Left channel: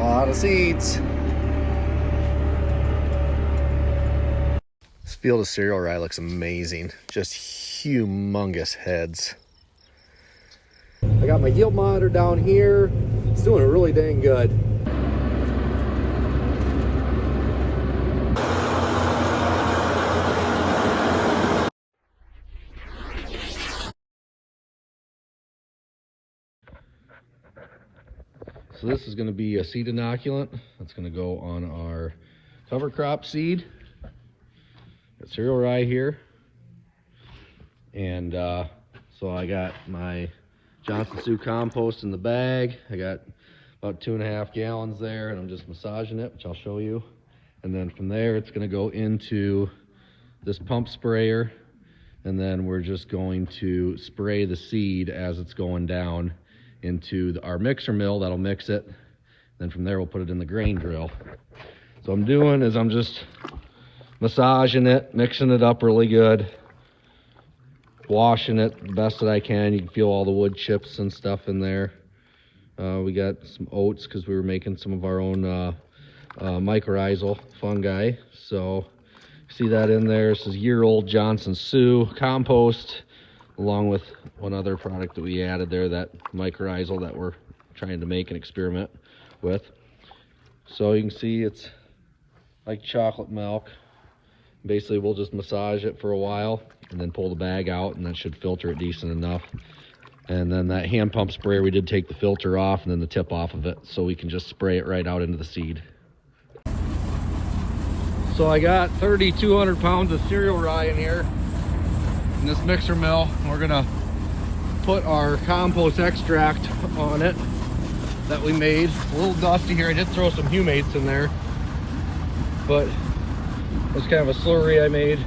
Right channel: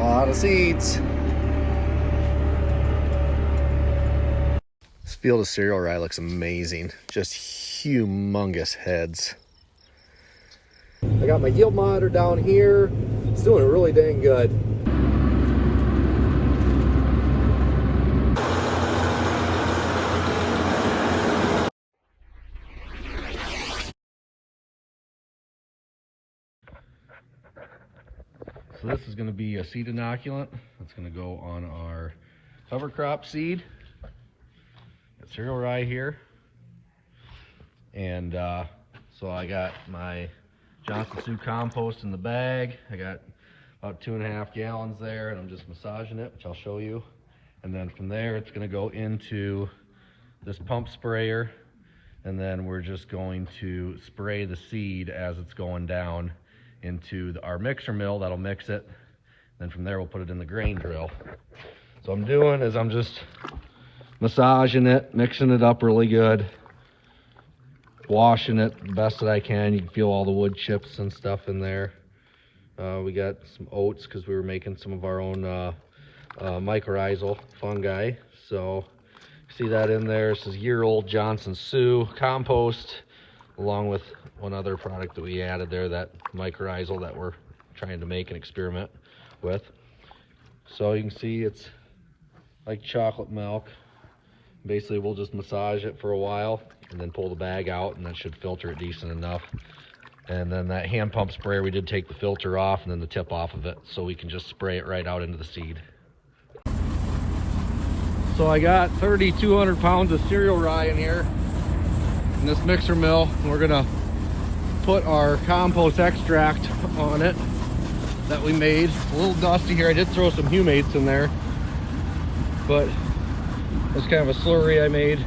A lot of seeds. This field of cereal rye looks amazing. Just humongous heads. I got my yield monitor down here. It's doing really dang good. So this is going to be a seed inoculant. That's going to go on our cover crop seed. Got cereal rye here. And so I got my Johnson Sioux compost in the bag. I got about 2.5 gallons there, and I'm just massaging it, which I'll show you. And then from there, it's going to go into this pump sprayer, and then we're just going to spray the seed as it's going down into our mixer mill. That'll mix it. Then from there, we'll put it in the grain drill. So what I'm doing is I'm just massaging it, mixing it up really good, washing it the best that I can. You can feel all the wood chips and stuff in there. We got some oats because we were making some of our own mycorrhizal fungi. So see that in there. This is year-old Johnson Sioux compost, along with one other product that we added there, that mycorrhizal that we're trying to make an experiment with. So you can see it's like chocolate milk. Basically, we'll just massage it for a while and then pull the bag out, and that should filter it decent enough. And then that hand pump sprayer, we did take the filter off and then the tip off of it, so we can just spray it right out into the seed. So I got 3,200 pounds of cereal rye in here in this mixer mill. We're gonna put our compost extract on it that we made. A little dusty here. I did throw some humates in there, but it's kind of a slurry I made.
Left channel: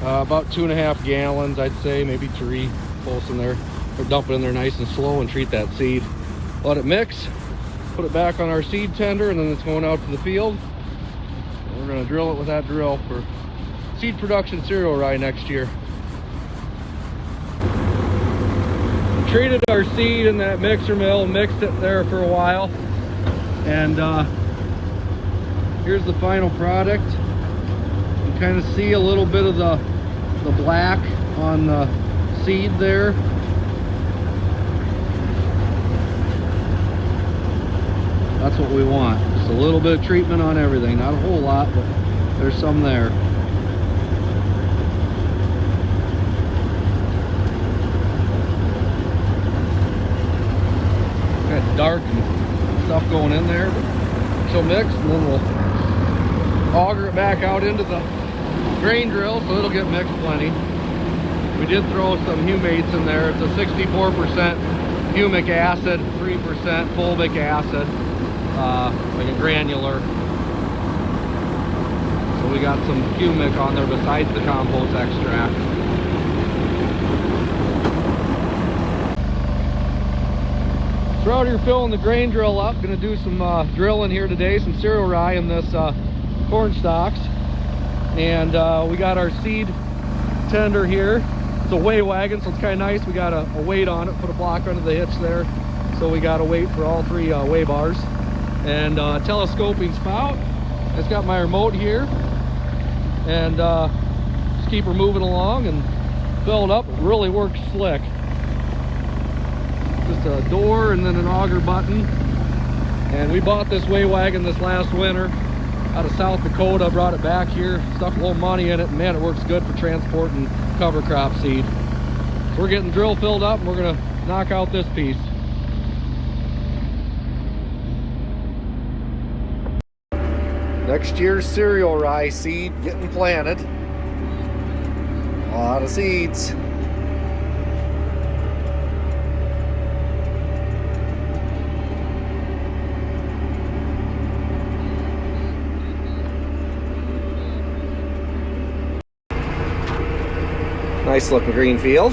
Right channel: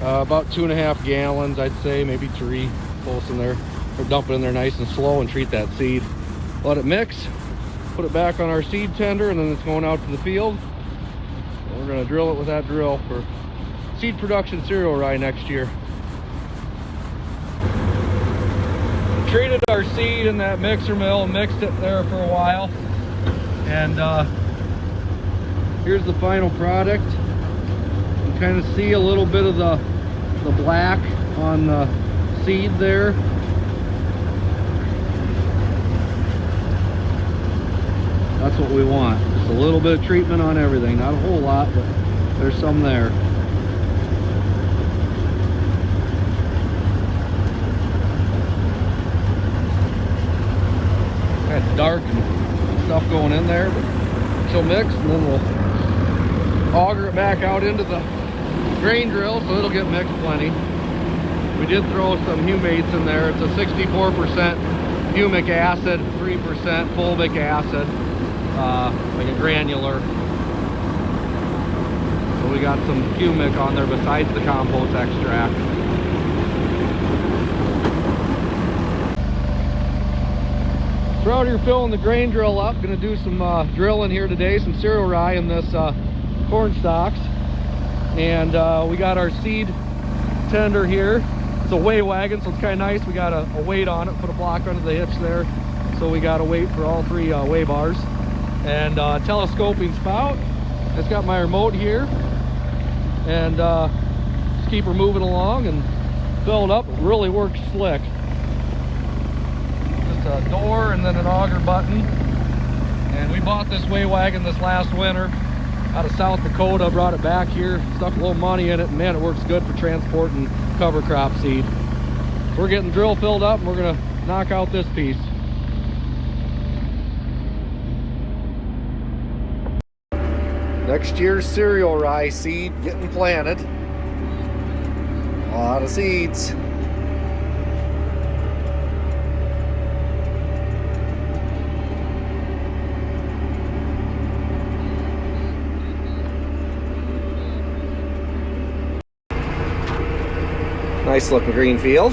About 2.5 gallons, I'd say, maybe 3, close in there. We'll dump it in there nice and slow and treat that seed. Let it mix, put it back on our seed tender, and then it's going out to the field. And we're gonna drill it with that drill for seed production cereal rye next year. Treated our seed in that mixer mill and mixed it there for a while. And here's the final product. You kind of see a little bit of the black on the seed there. That's what we want. Just a little bit of treatment on everything. Not a whole lot, but there's some there. Kind of dark and stuff going in there, but she'll mix, and then we'll auger it back out into the grain drill so it'll get mixed plenty. We did throw some humates in there. It's a 64% humic acid, 3% fulvic acid, like a granular. So we got some humic on there besides the compost extract. So out here filling the grain drill up. Gonna do some drilling here today, some cereal rye in this corn stalks. And we got our seed tender here. It's a weigh wagon, so it's kind of nice. We got a weight on it, put a block under the hitch there. So we got a weight for all 3 weigh bars. And telescoping spout. It's got my remote here. And just keep her moving along and fill it up. It really works slick. Just a door and then an auger button. And we bought this weigh wagon this last winter out of South Dakota. Brought it back here, stuck a little money in it, and man, it works good for transporting cover crop seed. So we're getting drill filled up, and we're gonna knock out this piece. Next year's cereal rye seed getting planted. A lot of seeds. Nice looking green field.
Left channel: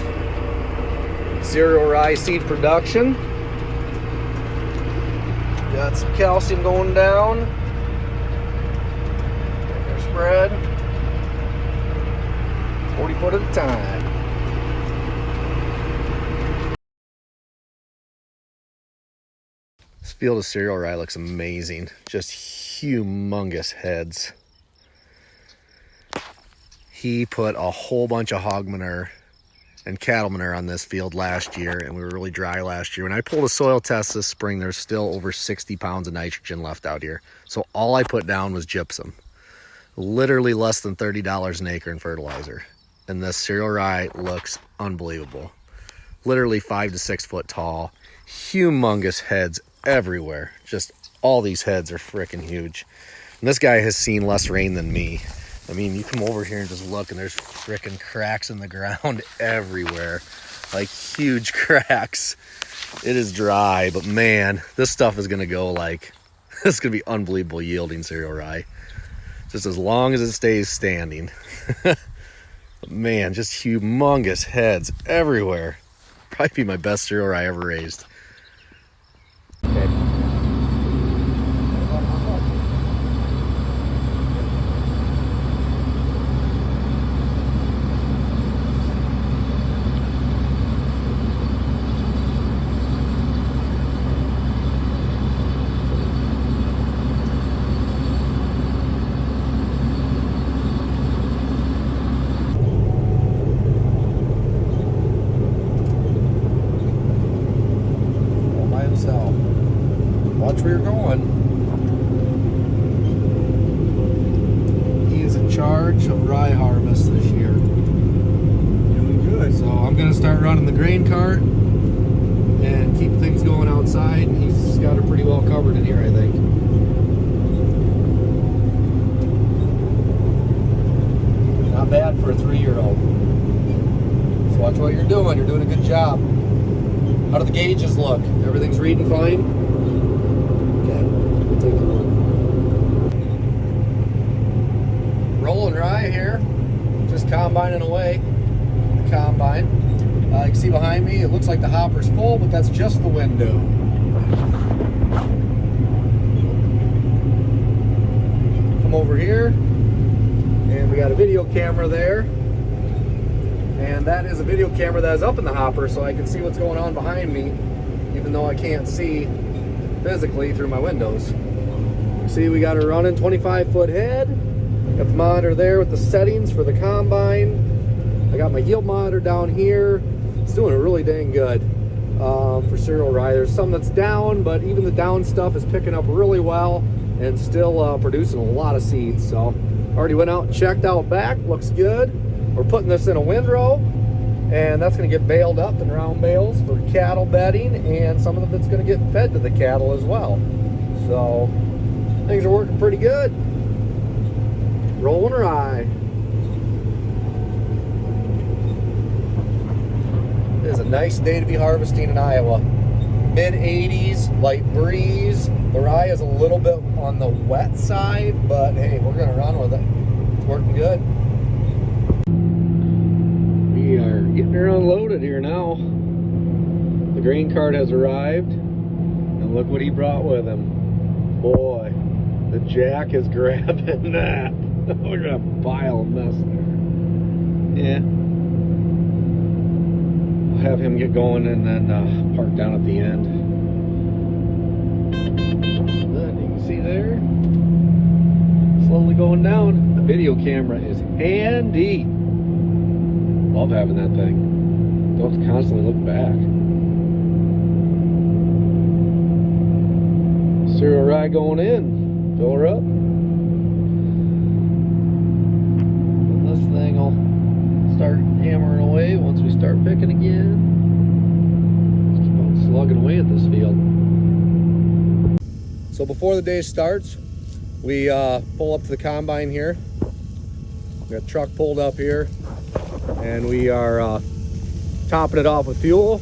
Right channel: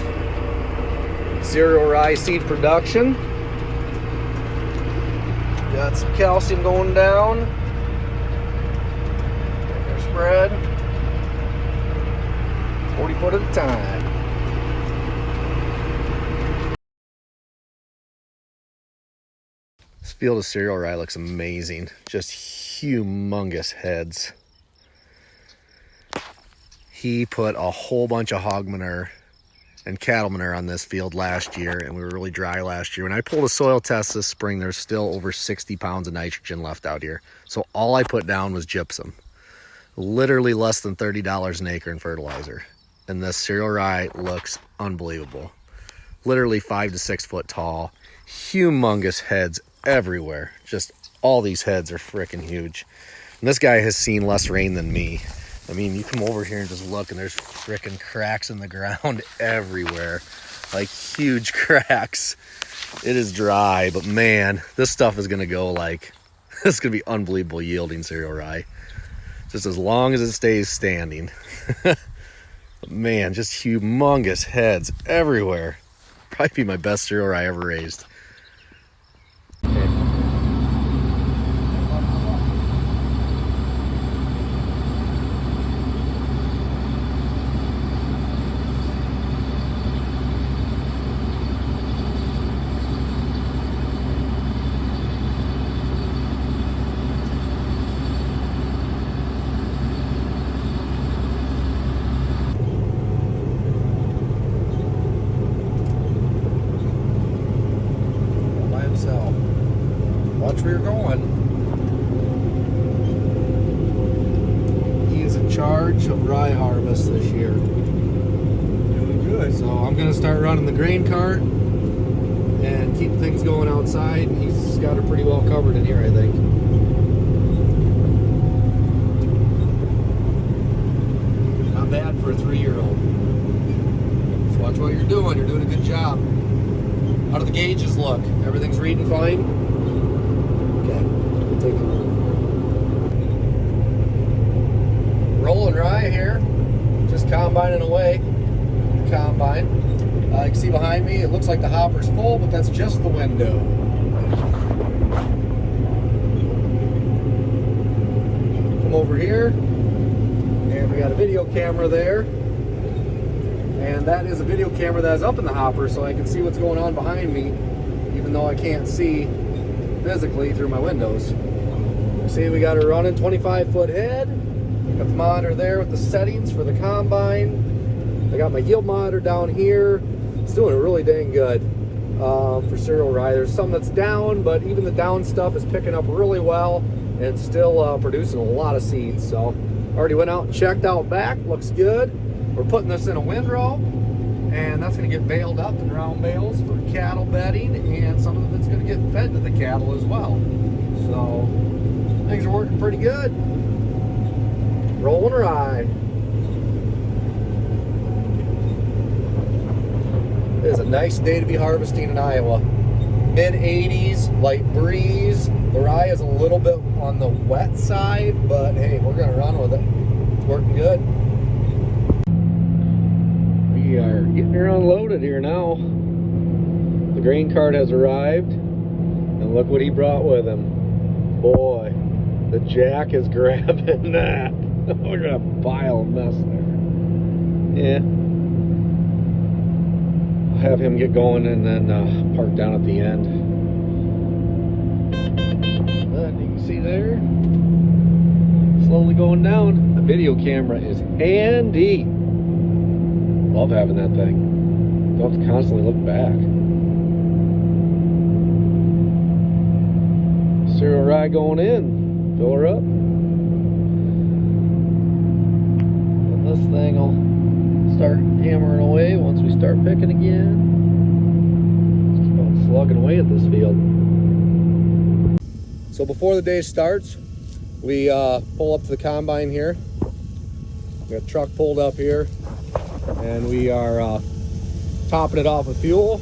Cereal rye seed production. Got some calcium going down. Their spread. 40 foot at a time. This field of cereal rye looks amazing. Just humongous heads. He put a whole bunch of hog manure and cattle manure on this field last year, and we were really dry last year. When I pulled a soil test this spring, there's still over 60 pounds of nitrogen left out here. So all I put down was gypsum. Literally less than $30 an acre in fertilizer. And this cereal rye looks unbelievable. Literally 5 to 6 foot tall. Humongous heads everywhere. Just all these heads are freaking huge. And this guy has seen less rain than me. I mean, you come over here and just look, and there's freaking cracks in the ground everywhere. Like huge cracks. It is dry, but man, this stuff is gonna go like, this is gonna be unbelievable yielding cereal rye. Just as long as it stays standing. But man, just humongous heads everywhere. Probably be my best cereal rye ever raised. Watch where you're going. He is in charge of rye harvest this year. Doing good. So I'm going to start running the grain cart and keep things going outside. And he's got it pretty well covered in here, I think. Not bad for a 3-year-old. Just watch what you're doing. You're doing a good job. How do the gauges look? Everything's reading fine? Rolling rye here, just combining away. Combine. You can see behind me, it looks like the hopper's full, but that's just the window. Come over here, and we got a video camera there. And that is a video camera that is up in the hopper, so I can see what's going on behind me, even though I can't see physically through my windows. See, we got a running 25-foot head. Got the monitor there with the settings for the combine. We got my yield monitor down here. It's doing really dang good for cereal rye. There's some that's down, but even the down stuff is picking up really well and still producing a lot of seeds. So already went out and checked out back. Looks good. We're putting this in a windrow, and that's going to get baled up in round bales for cattle bedding, and some of it's going to get fed to the cattle as well. So things are working pretty good. Rolling rye. It is a nice day to be harvesting in Iowa. Mid-80s, light breeze. The rye is a little bit on the wet side, but hey, we're going to run with it. It's working good. We are getting her unloaded here now. The grain cart has arrived, and look what he brought with him. Boy, the jack is grabbing that. We're gonna pile of mess there. Yeah. Have him get going and then park down at the end. Then you can see there, slowly going down. The video camera is handy. Love having that thing. Don't have to constantly look back. Cereal rye going in. Fill her up. And this thing will start hammering away once we start picking again. Just keep on slugging away at this field. So before the day starts, we pull up to the combine here. We got a truck pulled up here, and we are topping it off with fuel.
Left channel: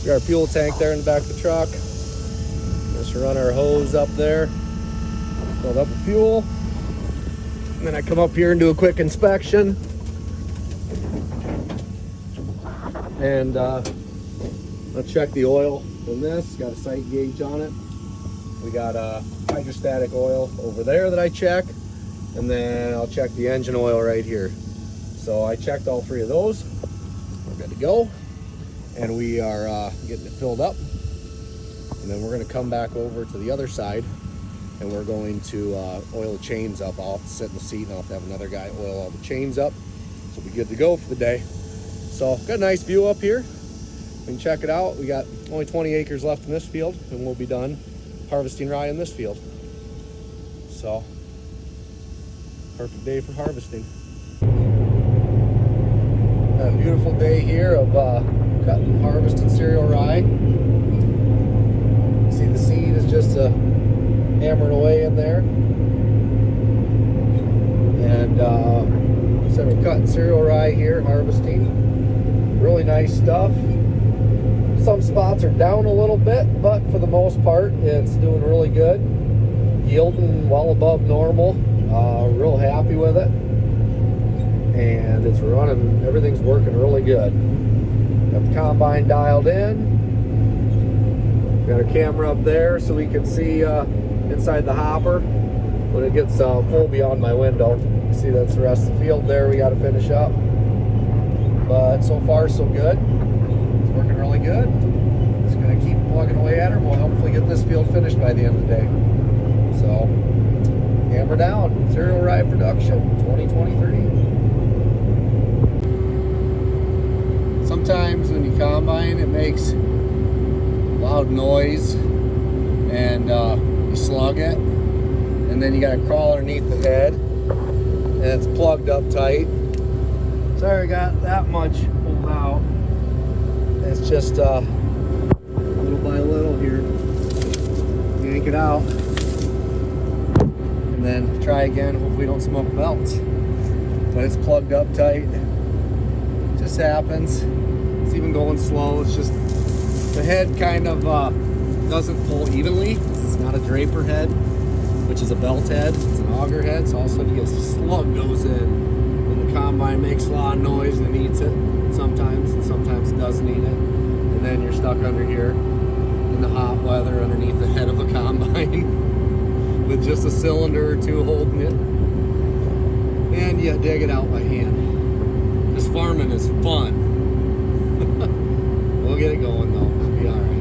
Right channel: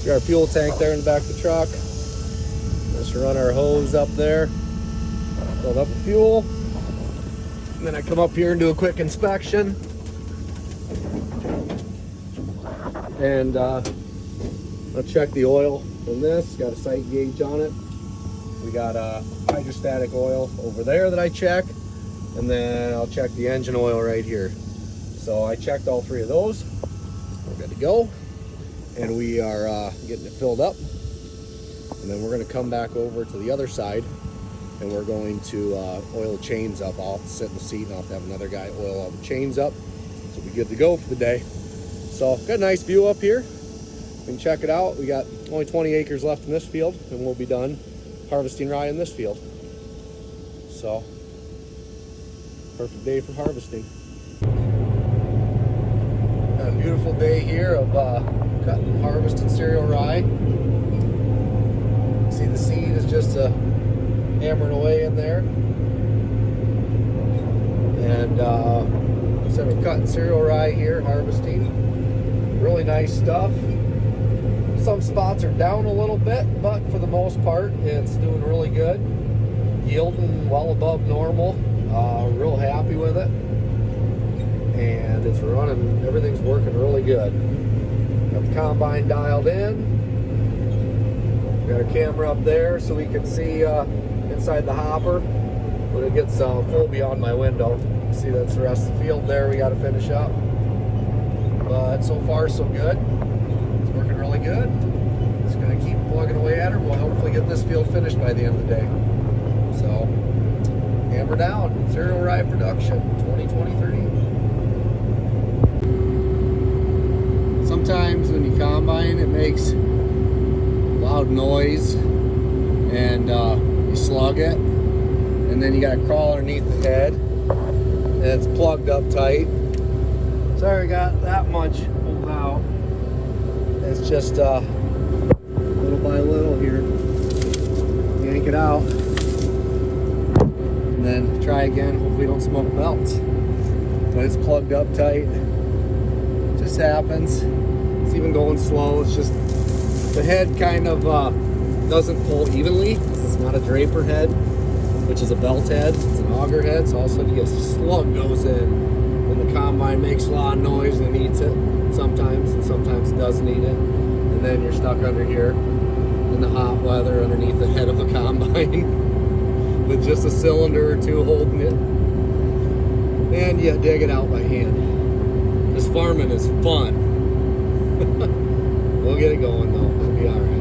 We got a fuel tank there in the back of the truck. Just run our hose up there, fill up with fuel. And then I come up here and do a quick inspection. And I'll check the oil in this. Got a sight gauge on it. We got a hydrostatic oil over there that I check. And then I'll check the engine oil right here. So I checked all three of those. We're good to go. And we are getting it filled up. And then we're going to come back over to the other side, and we're going to oil the chains up. I'll sit in the seat and I'll have another guy oil all the chains up. We'll be good to go for the day. So got a nice view up here. And check it out. We got only 20 acres left in this field, and we'll be done harvesting rye in this field. So perfect day for harvesting. Got a beautiful day here of harvesting cereal rye. See the seed is just hammering away in there. And so we're cutting cereal rye here, harvesting. Really nice stuff. Some spots are down a little bit, but for the most part, it's doing really good. Yielding well above normal. Real happy with it. And it's running, everything's working really good. Got the combine dialed in. Got our camera up there so we can see inside the hopper when it gets full beyond my window. See, that's the rest of the field there we got to finish up. But so far so good. It's working really good. Just gonna keep plugging away at her. We'll hopefully get this field finished by the end of the day. So, hammer down. Cereal rye production 2023. Sometimes when you combine, it makes loud noise, and you slug it, and then you gotta crawl underneath the bed, and it's plugged up tight. Sorry, I got that much pulled out. It's just little by little here. Yank it out, and then try again. Hopefully, don't smoke melts. So it's plugged up tight. It just happens. It's even going slow. It's just the head kind of doesn't pull evenly. It's not a draper head, which is a belt head. It's an auger head. So all of a sudden, you get slug goes in. Combine makes a lot of noise and eats it sometimes, and sometimes it doesn't eat it. And then you're stuck under here in the hot weather underneath the head of a combine with just a cylinder or two holding it. And you dig it out by hand. This farming is fun. We'll get it going though. It'll be all right.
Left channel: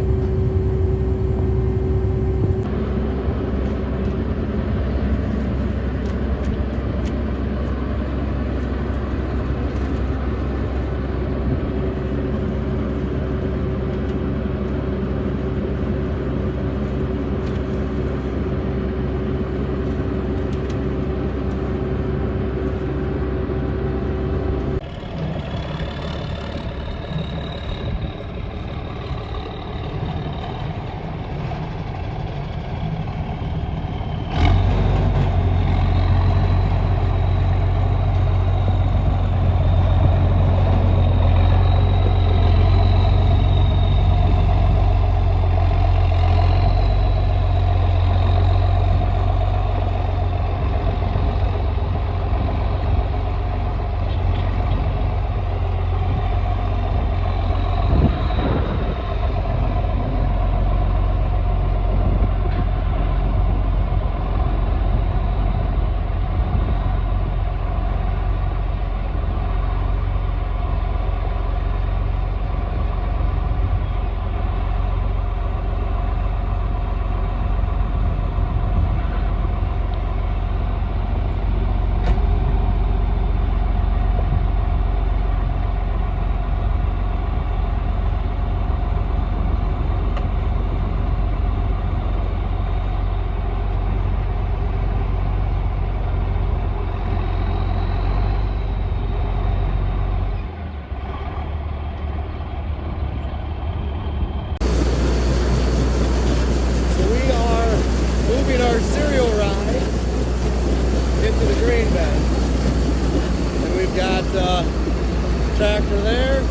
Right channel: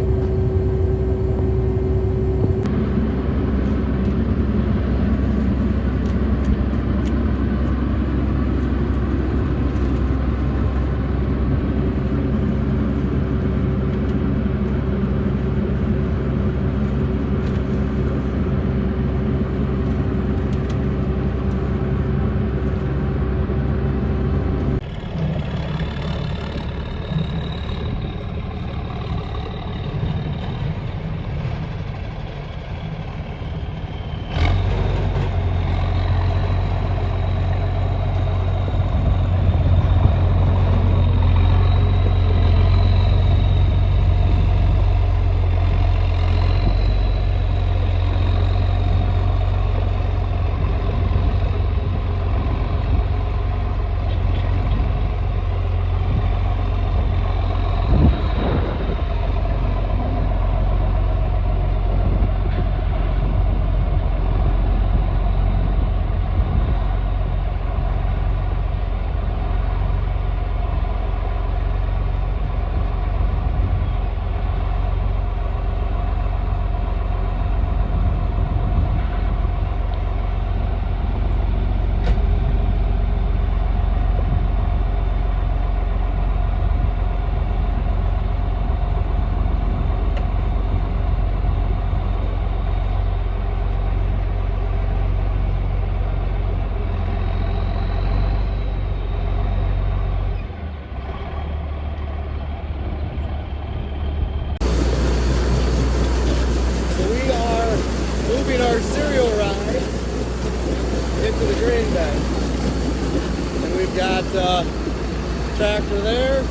Tractor there,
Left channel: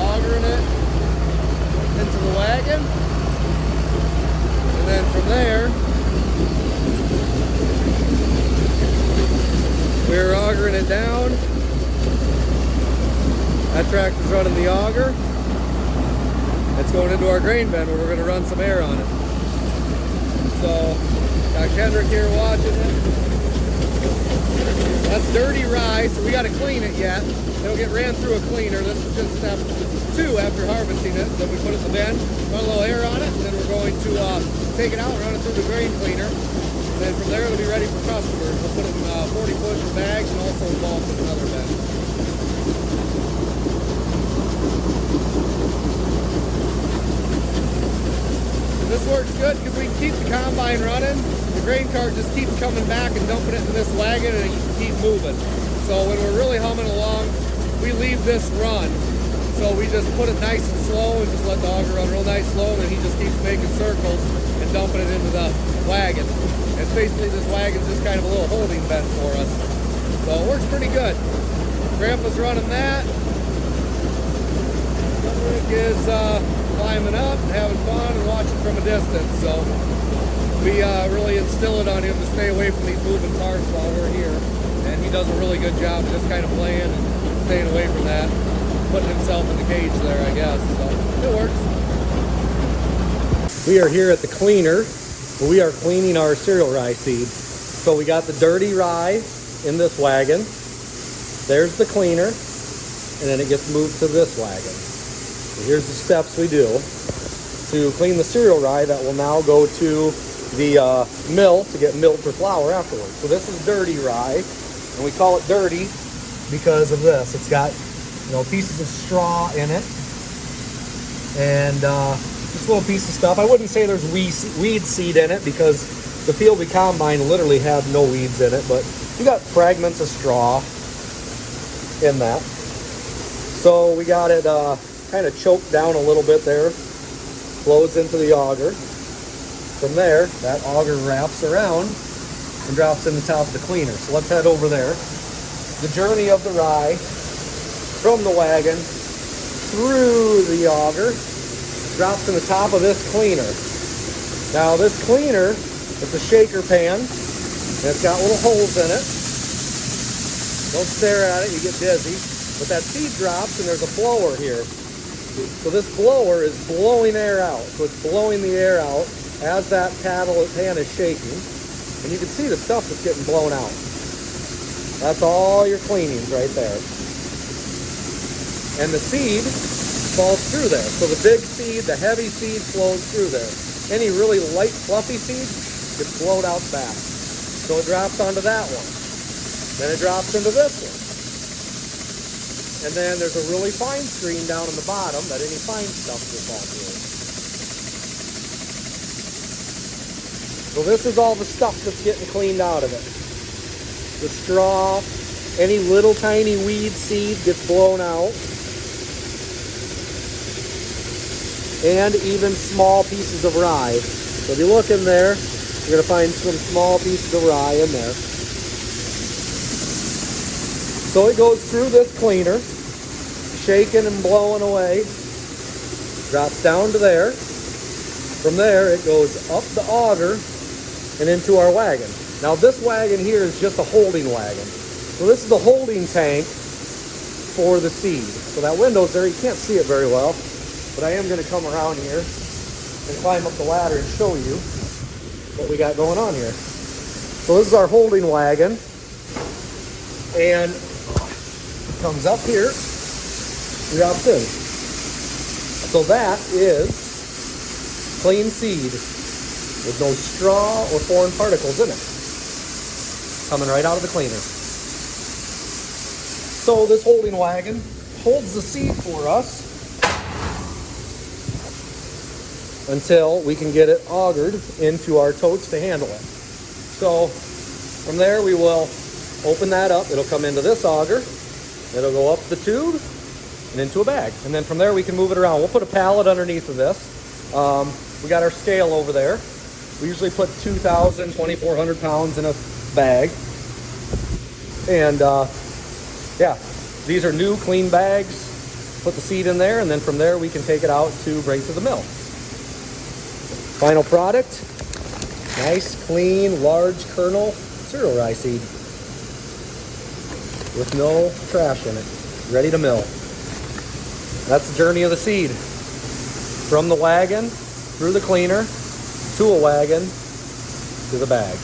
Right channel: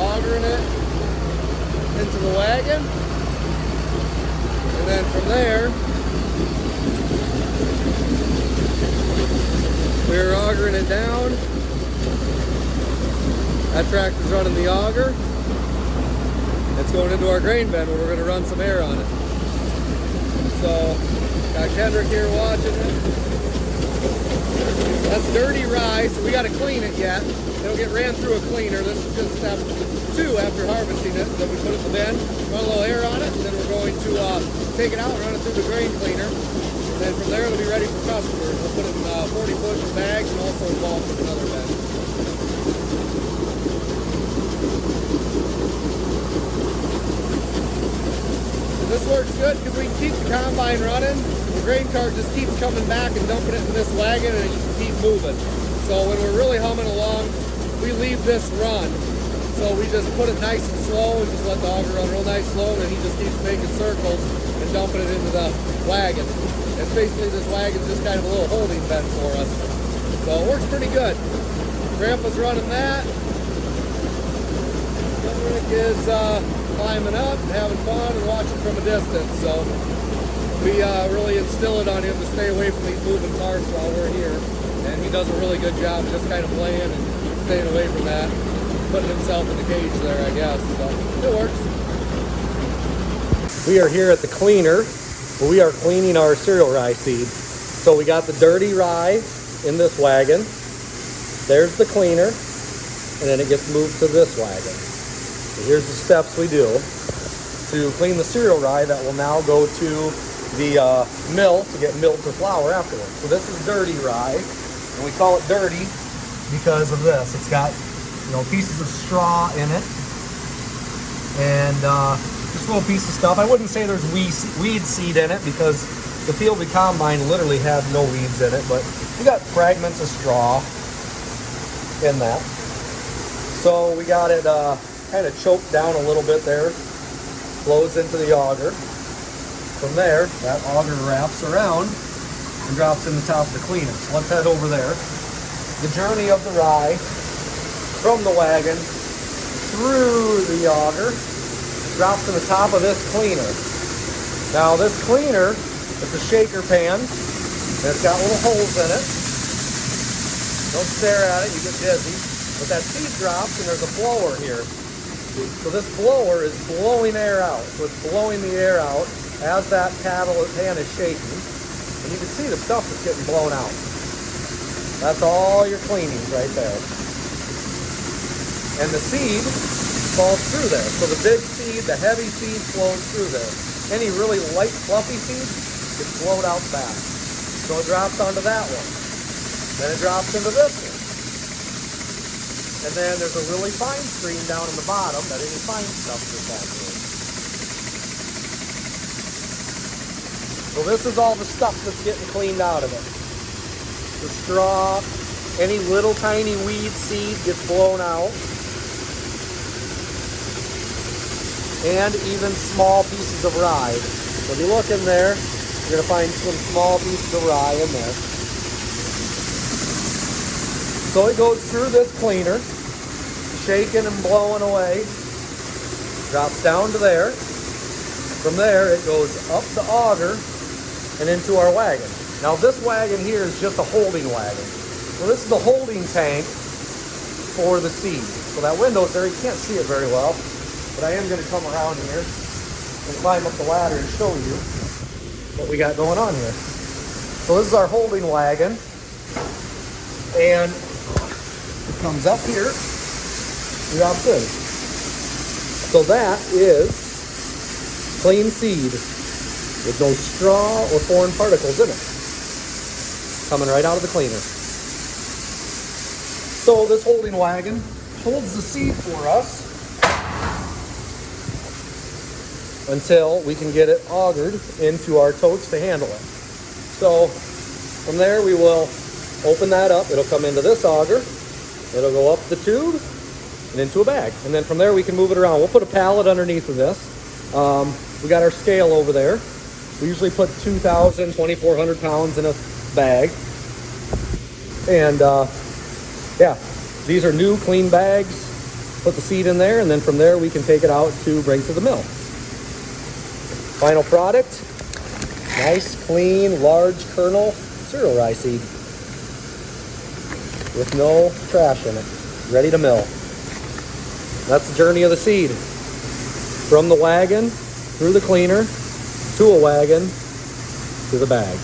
augering it into the wagon, and then from there, we're augering it down. That tractor's running the auger. It's going into our grain bin where we're going to run some air on it. So, got Kendrick here watching it. That's dirty rye, so we got to clean it yet. It'll get ran through a cleaner. This is just step 2 after harvesting it. So we put it in the bin, run a little air on it, and then we're we're going to take it out and run it through the grain cleaner. And then from there, it'll be ready for customers. We'll put it in 40-foot in bags and also involved in another bag. This works good because we can keep the combine running. The grain cart just keeps coming back and dumping it in this wagon, and you can keep moving. So when we're really humming along, we leave this run. So we just put it nice and slow and just let the auger run real nice slow, and then he just keeps making circles and dumping it into the wagon. It's basically, this wagon's just kind of a little holding bed for us. So it works pretty good. Grandpa's running that. Rick is climbing up and having fun and watching from a distance. So we really instill it on him to stay away from these moving parts while we're here. And he does a really good job of just kind of playing and staying away from that. Putting himself in the cage there, I guess. So it works. We are here at the cleaner. We are cleaning our cereal rye seed. So we got the dirty rye in this wagon. There's the cleaner. And then it gets moved to this wagon. So here's the steps we do to clean the cereal rye that will now go to the mill to get milled for flour afterwards. So this is dirty rye. And we call it dirty because of this. It's got, you know, pieces of straw in it, and just a little piece of stuff. I wouldn't say there's weed seed in it because the field we combine literally had no weeds in it, but you got fragments of straw in that. So we got it kind of choked down a little bit there, flows into the auger. From there, that auger wraps around and drops in the top of the cleaner. So let's head over there. The journey of the rye from the wagon through the auger drops in the top of this cleaner. Now this cleaner is a shaker pan, and it's got little holes in it. Don't stare at it, you get dizzy. But that seed drops and there's a blower here. So this blower is blowing air out. So it's blowing the air out as that pan is shaking. And you can see the stuff that's getting blown out. That's all your cleanings right there. And the seed falls through there. So the big seed, the heavy seed flows through there. Any really light, fluffy seed gets blown out back. So it drops onto that one. Then it drops into this one. And then there's a really fine stream down on the bottom that any fine stuff gets out through. So this is all the stuff that's getting cleaned out of it. The straw, any little tiny weed seed gets blown out. And even small pieces of rye. So if you look in there, you're going to find some small pieces of rye in there. So it goes through this cleaner, shaking and blowing away, drops down to there. From there, it goes up the auger and into our wagon. Now this wagon here is just a holding wagon. So this is the holding tank for the seed. So that window's there, you can't see it very well, but I am going to come around here and climb up the ladder and show you what we got going on here. So this is our holding wagon, and it comes up here, drops in. So that is clean seed with those straw or foreign particles in it, coming right out of the cleaner. So this holding wagon holds the seed for us until we can get it augered into our totes to handle it. So from there we will open that up. It'll come into this auger. It'll go up the tube and into a bag. And then from there we can move it around. We'll put a pallet underneath of this. We got our scale over there. We usually put 2,000, 2,400 pounds in a bag. And yeah, these are new clean bags. Put the seed in there, and then from there we can take it out to bring to the mill. Final product, nice, clean, large kernel cereal rye seed with no trash in it, ready to mill. That's the journey of the seed. From the wagon, through the cleaner, to a wagon, to the bag.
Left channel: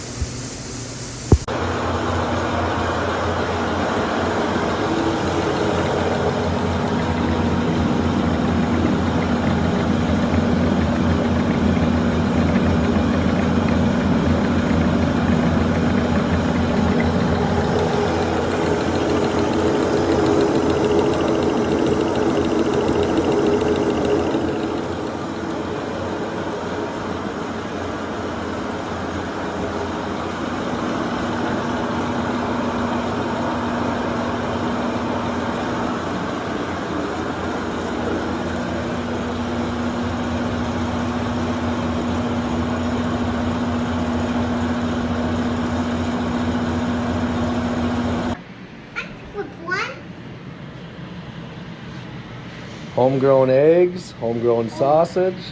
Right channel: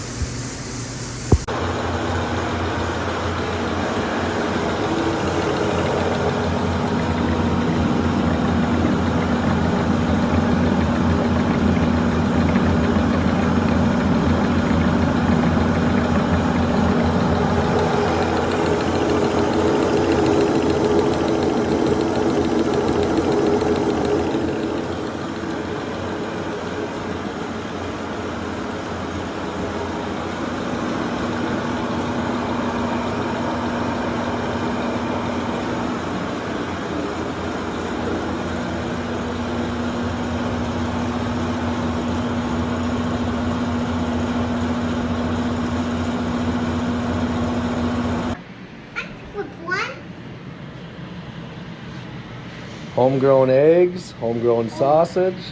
Homegrown eggs, homegrown sausage,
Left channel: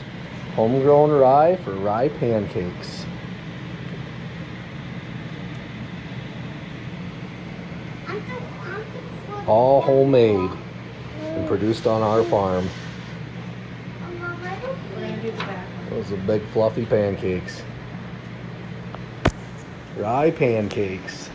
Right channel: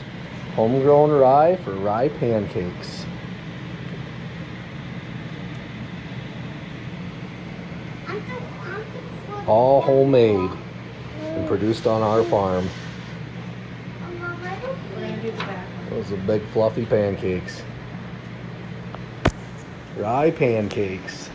homegrown rye for rye pancakes. All homemade and produced on our farm. Those are big fluffy pancakes. Rye pancakes.